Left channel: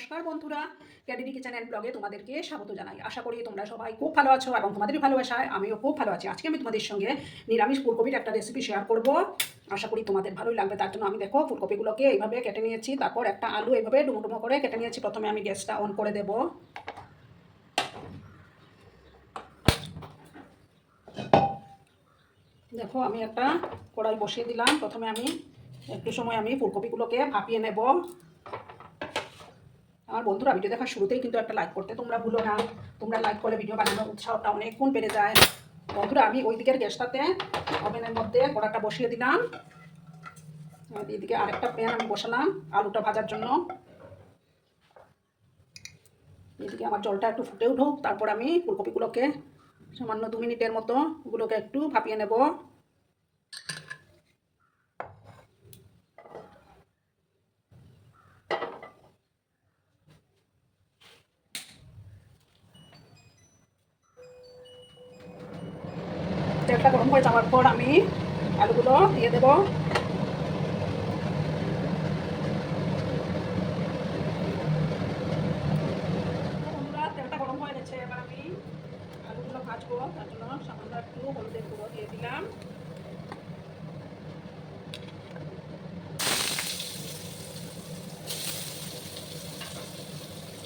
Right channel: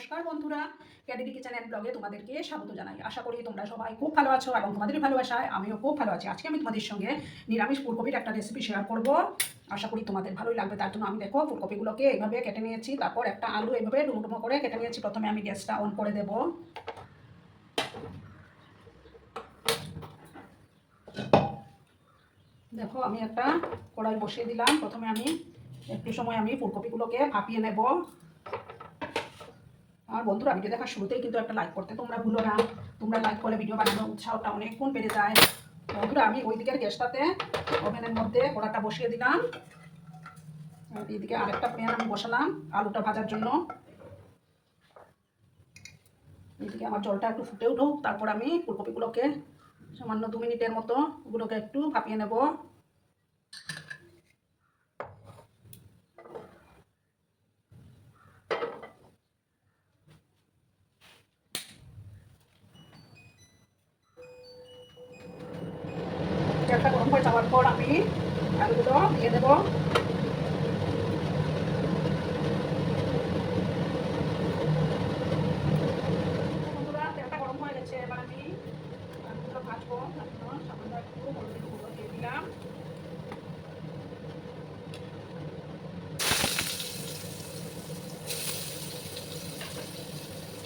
নমস্কার বন্ধুরা। ক্যাডিডি kitchen and ব্লগে তোমাদেরকে স্বাগত জানাই। আশা করি তোমরা সবাই খুব ভালো আছো এবং তোমাদের ভালোবাসায় আমিও খুব ভালো আছি। আজকে আমি তোমাদের সঙ্গে নিরামিষ ফুলকপির একটা রেসিপি শেয়ার করব। আশা করি তোমাদের ভালোই লাগবে। তার জন্য আমি দেখো ফুলকপিগুলোকে এইভাবে কেটে নিয়েছি, তারপর একটা আলু এইভাবে ডুমো করে কেটে নিয়েছি। প্রথমে আমি গ্যাসটা অন করে দেব। দেখো আমি একটা কড়াই বসিয়ে দিলাম। প্রথমে আমি একটু সময় আমি ফুলকপিগুলোকে ভাপিয়ে নেব। আমার বন্ধুরা ভিডিও দেখার শুরুতেই কিন্তু একটা লাইক করতে তোমরা ভুলো না। তোমরা লাইক করলে ভিডিও বানানোর উৎসাহটা অনেক গুণ বেড়ে যায়। বন্ধুরা, আমি ওই দিকের গ্যাসটাতে ওভেনের মধ্যে কড়াটা বসিয়ে দিলাম। আর এইদিকে আরেকটা প্যান আমি বসালাম আলুটা ভাজার জন্য। এদিকে আমার জলটা একটু ফুটে উঠুক, তারপর আমি ফুলকপিগুলোকে সামান্য দু মিনিটের মতো ওগুলোকে একটু ভাপিয়ে নেব। গরম হয়ে যাওয়ার পর আমি আলুগুলো দিয়ে দেবো বন্ধুরা, তেলটা গরম হয়ে গেছে এবার আমি আলুগুলো ভাজবো তার জন্য সামান্য একটু হলুদের গুঁড়ো দিয়ে দিলাম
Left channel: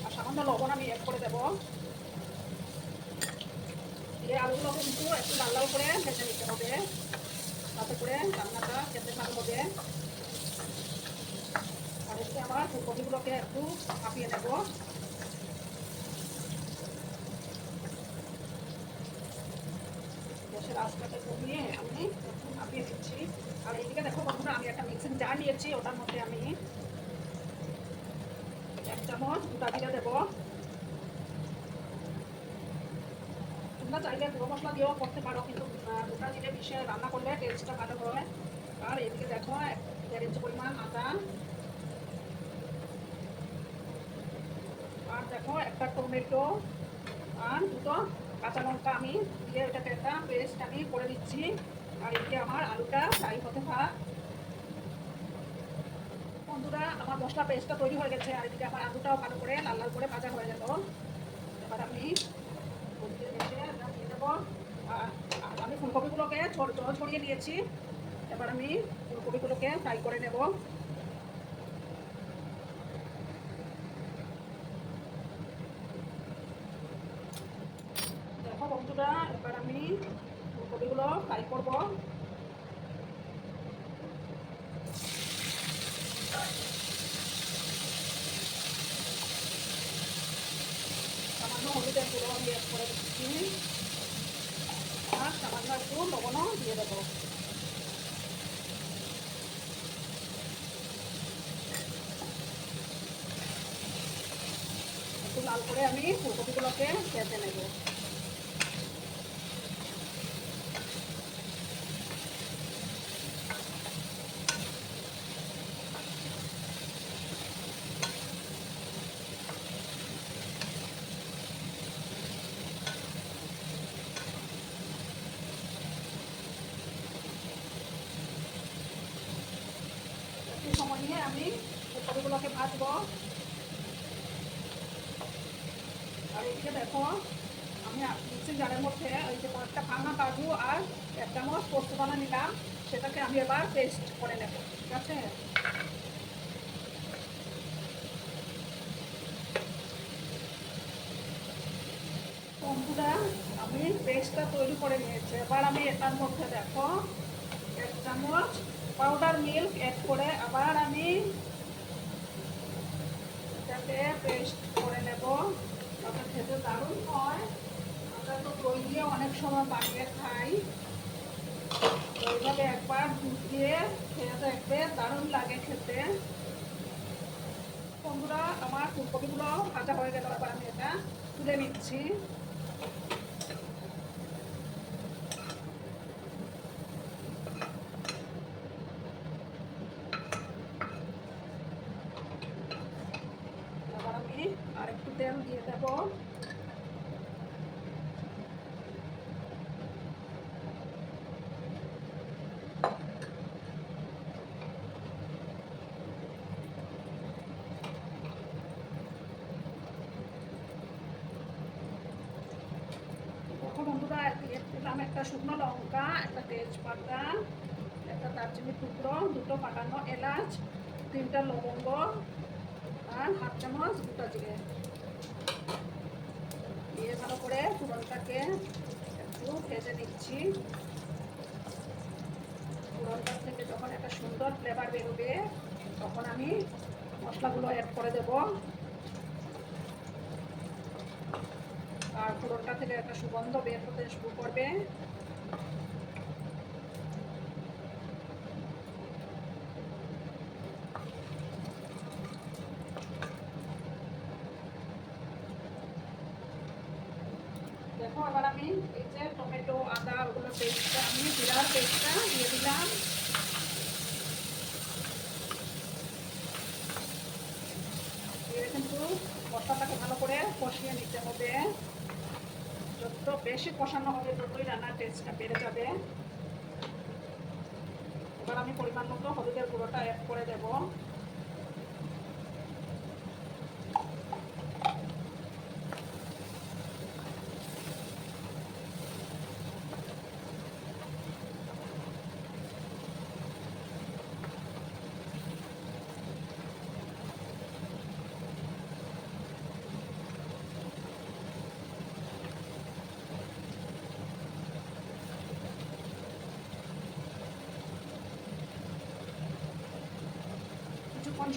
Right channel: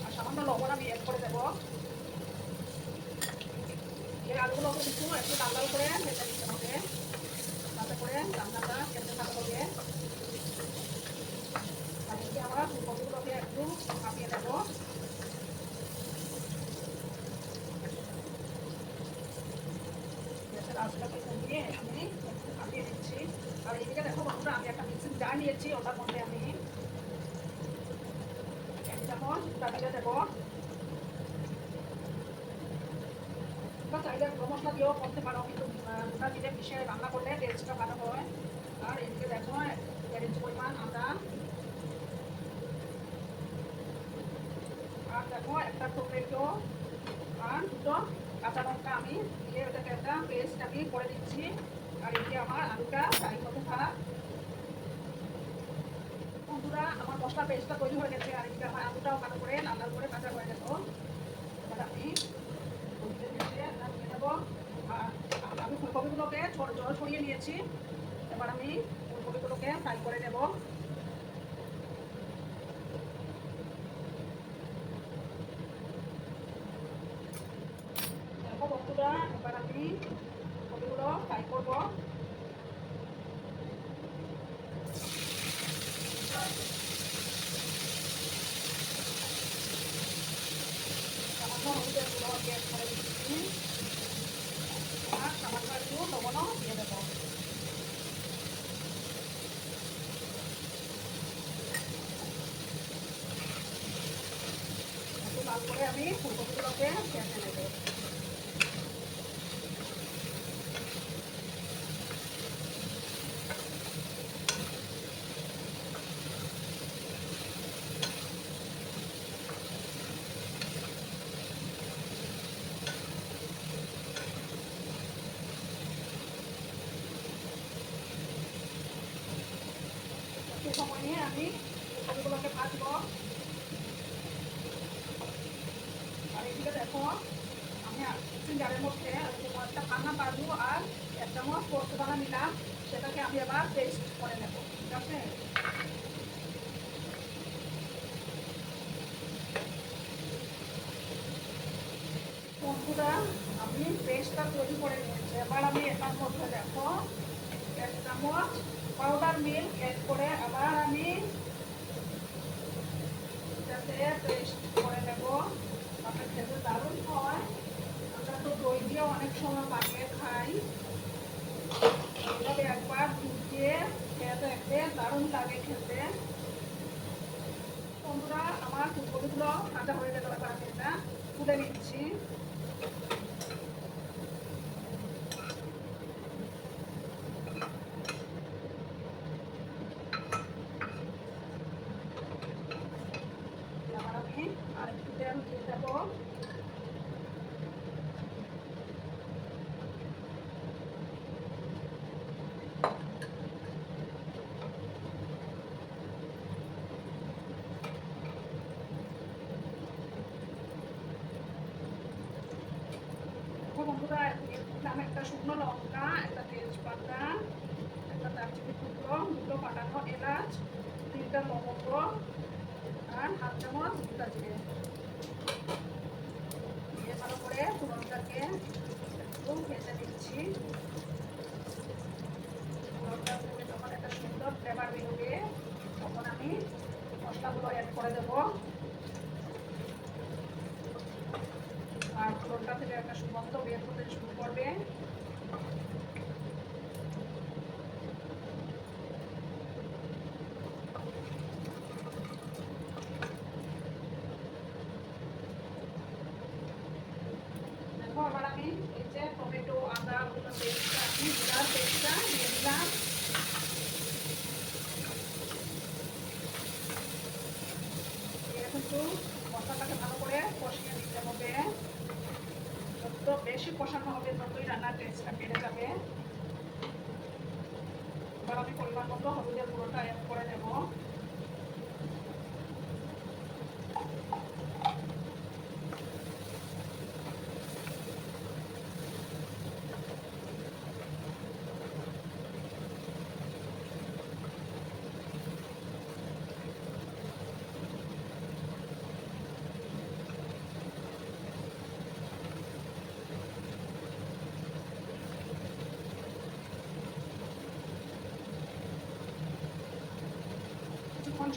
আর সামান্য লবণ আমি অ্যাড করে দেবো এই আলুগুলো কিন্তু একটু লাল লাল করে ভেজে নিতে হবে তাতে করে রান্নাটা খেতে ভালো হবে আর এদিকে আমরা ফুলকপিগুলোকে একটু কাঁপিয়ে নেব গ্যাসের আঁচটাকে কমিয়ে আমি একটু কাঁপিয়ে দিচ্ছি আর এইদিকে দেখো বন্ধুরা আমি একটা মিক্সিং জার নিয়েছি ওটার মধ্যে আমি এক চামচ গোটা জিরে দেবো তোমরা চাইলে গুঁড়ো মশলা দিয়েও করতে পারো, কিন্তু গোটা জিরে মিশিয়ে রান্না করলে টেস্টটা ভালো হয়। আর এদিকে দেখো, এক পরিমাণ আদা। আর দেখো, একটা টমেটো আর দুটো কাঁচা লঙ্কা আমি দিয়ে ওটাকে একটা পেস্ট আমি করে দিচ্ছি। আর এদিকে আমার আলুটা ফ্রাই হতে থাক বন্ধুরা, আমার মশলা পেস্টটা তৈরি হয়ে গেছে। আর এদিকে আমার আলুটাও ভালো করে লাল লাল করে ভাজা হয়ে গেল এবার আমি কপিতে ভেজে আমরা দিয়ে দেবো আর আমি ফুলকপিগুলোকে ছোট জল ছড়িয়ে নিয়েছি এবার আমি ফুলকপিগুলোকে ফ্রাই করে নেব। দেখো বন্ধুরা এবার আমি ফুলকপিগুলো ফ্রাই করব সামান্য হলুদের গুঁড়ো আমি অ্যাড করে দিচ্ছি আর সামান্য একটু লবণও দিয়ে দেবো আমি ফুলকপিগুলোকে ভেজে নেব সময় নিয়ে আমি ফুলকপিগুলোকে ভাজবো আর চামচ পোস্ত নিলাম, সেটাকে আমি এবার পেস্ট করে নেব, ঠিক আমি পেস্টটা তৈরি করে নিয়েছি। এবার আমি এটার মধ্যে দেখো, এক চামচ পাউডার মিল্ক অ্যাড করে আবার আমি যাতে পেস্ট করে নেব ওটা খেতে দারুণ হয় আমরা তো দই দিয়ে অনেক সময় বানিয়ে খাই এইভাবে একবার দুধ দিয়ে খেয়ে দেখবে দারুণ লাগে খেতে। বন্ধুরা আমার ফুলকপিগুলো কাঁচা হয়ে গেল এবার এটা তুলে নিচ্ছি এবার আমি আরেকটু তেল দিয়ে দেবো শুকনো লঙ্কা একটা তেজপাতা একটা দারচিনি টুকরো দুটো পাকানো এলাচ তিনটা লবঙ্গ আর হাফ চামচ গোটা জিরে। দিয়ে ভালো করে ফোড়নটাকে একটু ভেজে নিচ্ছি ফোড়নটা থেকে যখন একটা সুন্দর ফ্লেভার বেরোবে তখন আমি মশলাগুলো অ্যাড করে দেব আর ফোড়নটা থেকে একটা সুগন্ধ বের হতে শুরু করবে দেখো আবার আমি এই যে টমেটো আদা ওগুলো পেস্টটা আমি জিরার পেস্টটা দিয়ে দিলাম দিয়ে কিন্তু মশলাটাকে ভালো করে কষিয়ে নিতে হবে যত বেশি কষানো হবে ততই রান্নার টেস্টটা বেড়ে যাবে। এবার আমি পরিমাণ মতো হলুদের গুঁড়োটা অ্যাড করে দেবো।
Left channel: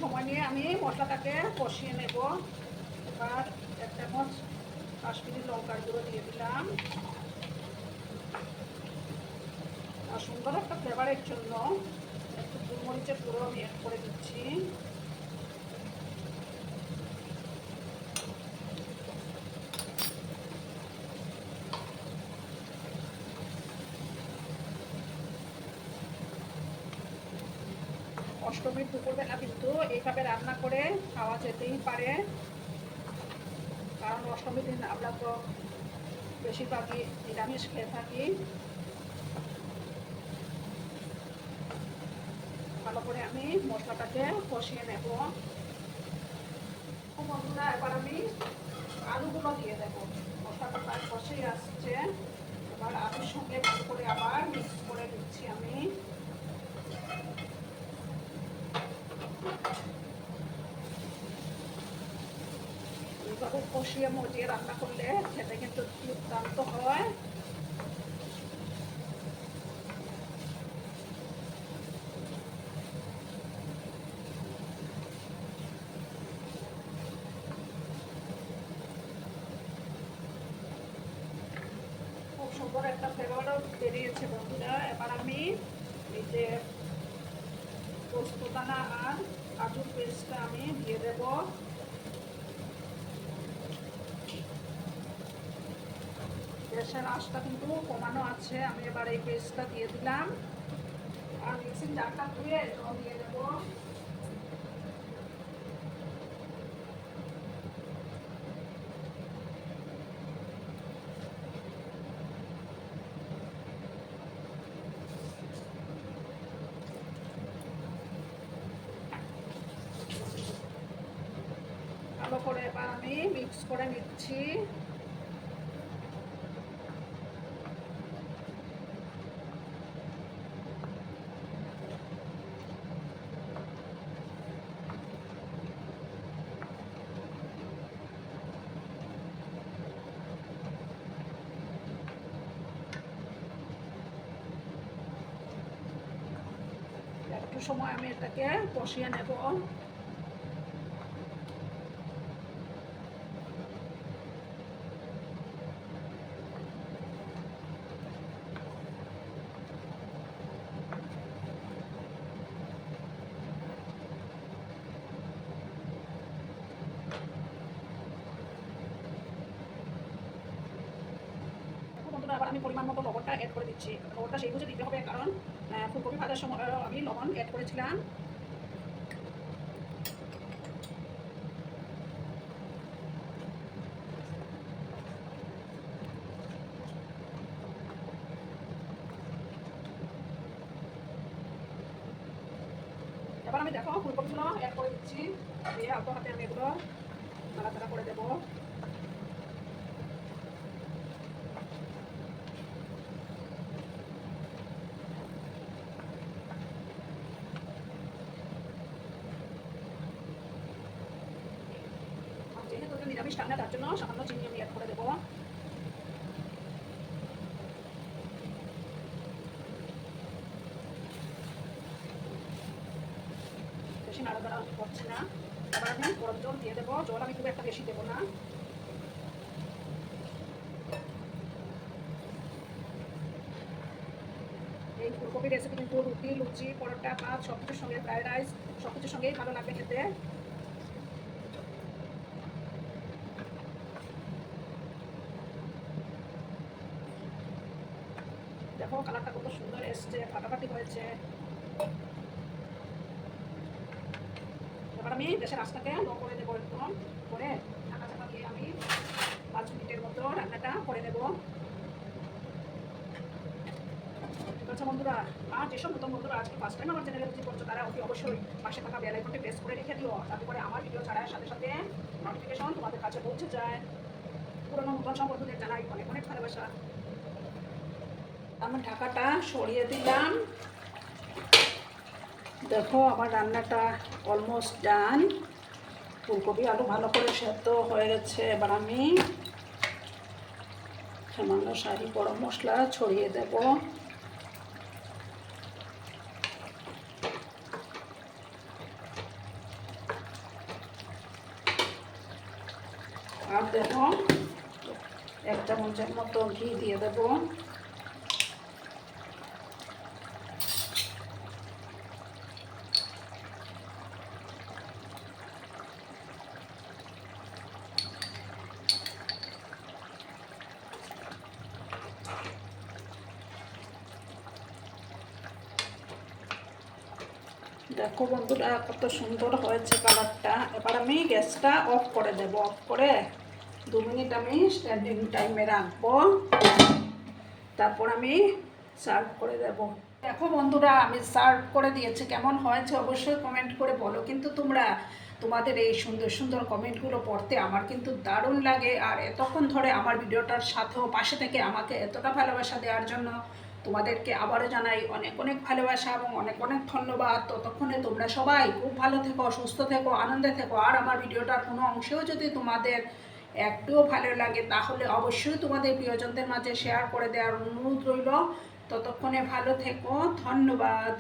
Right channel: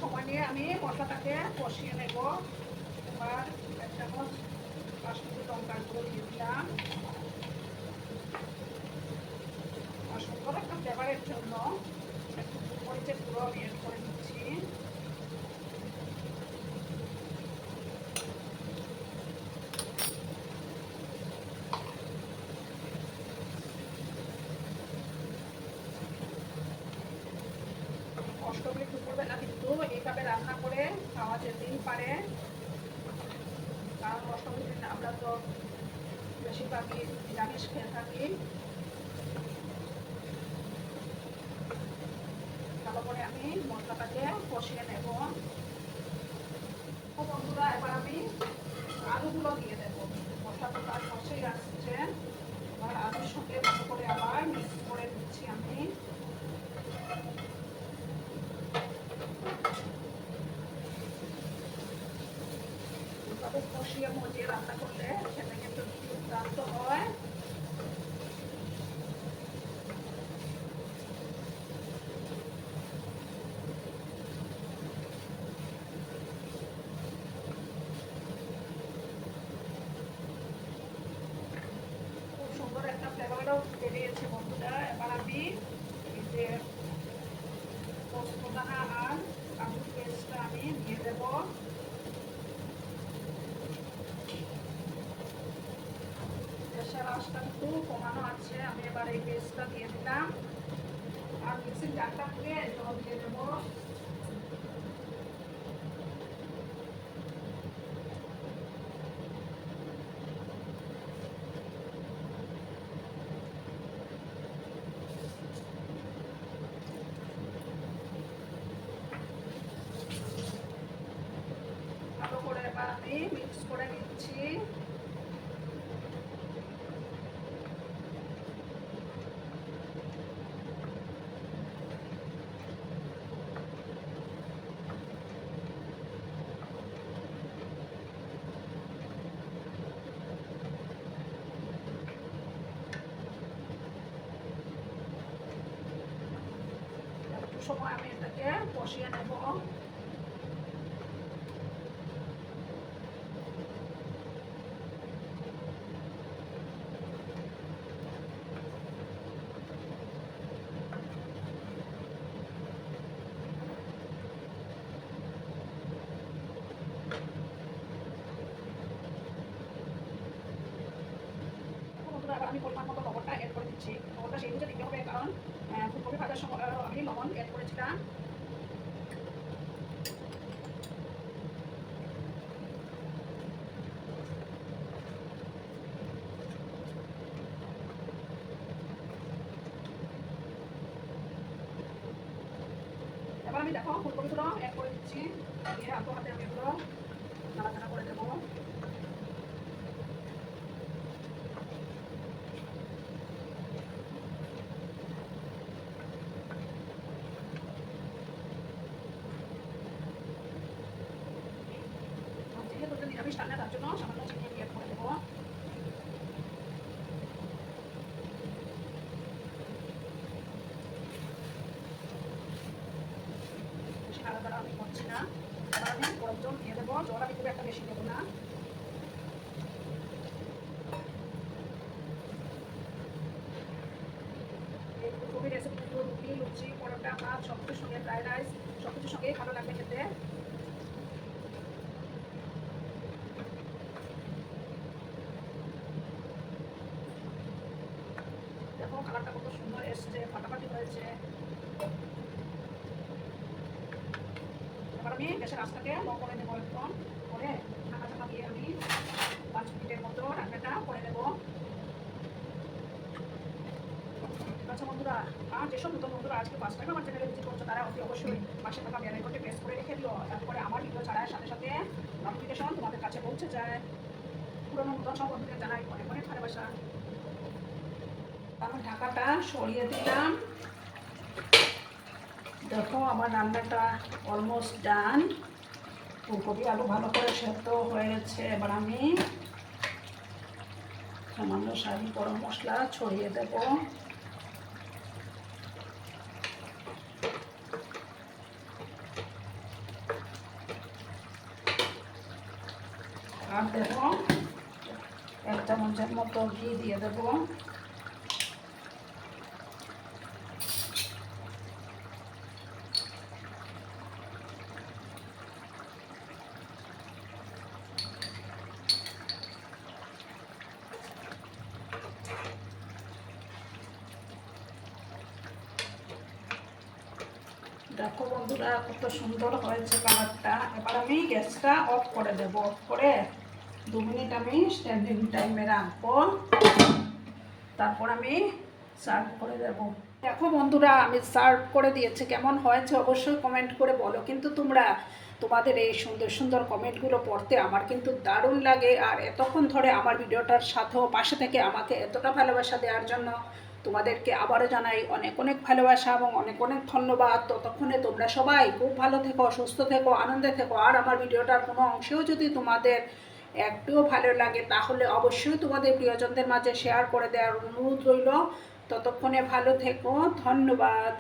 সময় নিয়ে আমি মশলাটাকে কষিয়ে নেব। এবার এক চামচ কাশ্মীরি লঙ্কার গুঁড়ো দিয়ে দিলাম। সুন্দর একটা ফ্লেভারের জন্য একটু মরিচের গুঁড়ো আমি অ্যাড করে দিচ্ছি। এইভাবে রান্না করে খাওয়া যেতেই পারে। কারণ অষ্টমী দিন আমরা তো বেশিরভাগই নিরামিষ খেয়ে থাকি। ভালো করে আমি মশলাটাকে কষিয়ে নেব ও বন্ধুরা এবার আমি আলুগুলো দিয়ে দেবো মশলাটা প্রায় কষেই আসছে আবার আলুর সঙ্গে ভালো করে আবার মিক্স করে দিচ্ছি আমি এইভাবে কষিয়ে মজিয়ে রান্না করলে খেতে কিন্তু দুর্দান্ত হয় সুন্দর একটা ফ্লেভারও বেরিয়েছে বন্ধুরা এবার আমি এই যে পোস্তদানা আর কাজুর পেস্টটা আমি দিয়ে দেবো গ্যাসের আঁচটা কিন্তু কমানো আছে। আমি এবার এই পেস্টটা দিয়ে দিলাম। আর মিক্সিং জারটা ধুয়ে জল দিয়ে দেবো ভালো করে এবার আমি মিক্স করে নিচ্ছি একটু সময় আমি এটাকে বসিয়ে নেব। আমি পরিমাণ মতো লবণটা অ্যাড করে দিচ্ছি। লবণটা সেই বুঝে দিতে হবে, কারণ ভাজার সময় আমি লবণ অ্যাড করেছিলাম। এবার আমি দেখো ফুলকপিগুলো অ্যাড করে দিচ্ছি। দিয়ে হাতে হাতে এগুলো নাড়াচাড়া করে দেবো মিষ্টান্ন তার জন্য সামান্য চিনি আমি অ্যাড করে দেবো বেশি নাড়াচাড়া আমি করছি না এবার আমি গরম জল দিয়ে দেবো, জল আমি খুব একটা বেশি দেবো না। এই ফুলকপি রেসিপি কিন্তু রুটি, লুচি, পরোটা, ভাত সব কিছুর সঙ্গে ফ্রাইড রাইস সব কিছুর সঙ্গেই ভালো লাগবে খেতে। দেখো কালারটা কত সুন্দর এসছে, ফাটাফাটি হয়েছে। আমি গ্যাসের আঁচটাকে লো করে নেব একদম। করে ঢাকা চাপা দিয়ে আমি পাঁচ মিনিটের মতো রান্নাটা করে ঠিক আছে বন্ধুরা, আর যেসব নতুন বন্ধুরা আজকে ফার্স্ট টাইম আমার চ্যানেলে ভিজিট করছ, তারা অতি অবশ্যই পাশে থাকা বেল আইকনটি প্রেস করে রেখে দিও। তাতে করে আমার ভিডিও ছাড়ার সাথে সাথে নোটিফিকেশন তোমাদের কাছে পৌঁছে যায়। পুরোনো নতুন সব বন্ধুদের জানাই অনেক অনেক ভালোবাসা। আমি ঢাকাটা সরিয়ে দিলাম। দেখো, আমার রান্নাটা অলমোস্ট ডান ফুলকপি আলু ভালো করে সেদ্ধ হয়ে গেছে। এবার আমি সামান্য শাড়ি, গরম মশলা ছড়িয়ে দেব। আর দেখো, এক চামচের মতো ঘি দিয়ে দেবো। দেখো বন্ধুরা, কত সুন্দর হয়েছে কালারটা এবার আমি গ্যাসটা অফ করে দেব অফ করে দু মিনিট আমি স্ট্যান্ডিং টাইমে রাখব। তারপর আমি সার্ভ করে দেব। দেখো বন্ধুরা, আমি সার্ভ করে দিয়েছি। কেমন হয়েছে অবশ্যই কমেন্ট করে বলো। কিন্তু তোমরা তোমাদের এই সুন্দর সুন্দর কমেন্টগুলো পড়তে আমার কিন্তু দারুণ লাগে। আর এতক্ষণ ধরে আমার ভিডিওটার সাথেও পাশে থেকে আমাকে এতটা ভালোবাসা দেওয়ার জন্য তোমাদেরকে আবারও জানাই অনেক অনেক ভালোবাসা এবং অনেক অনেক ধন্যবাদ। ততক্ষণে তোমরা সবাই খুব ভালো থেকো, সুস্থ থেকো, আনন্দে থেকো। আর আমার ভিডিওটার কোনো অংশেও যদি তোমাদের একটুও ভালো লাগে, তাহলে অবশ্যই তোমাদের প্রিয়জনদের মাঝে শেয়ার করে দেওয়ার অনুরোধ রইল। ততক্ষণে ভালো থেকো, ধন্যবাদ।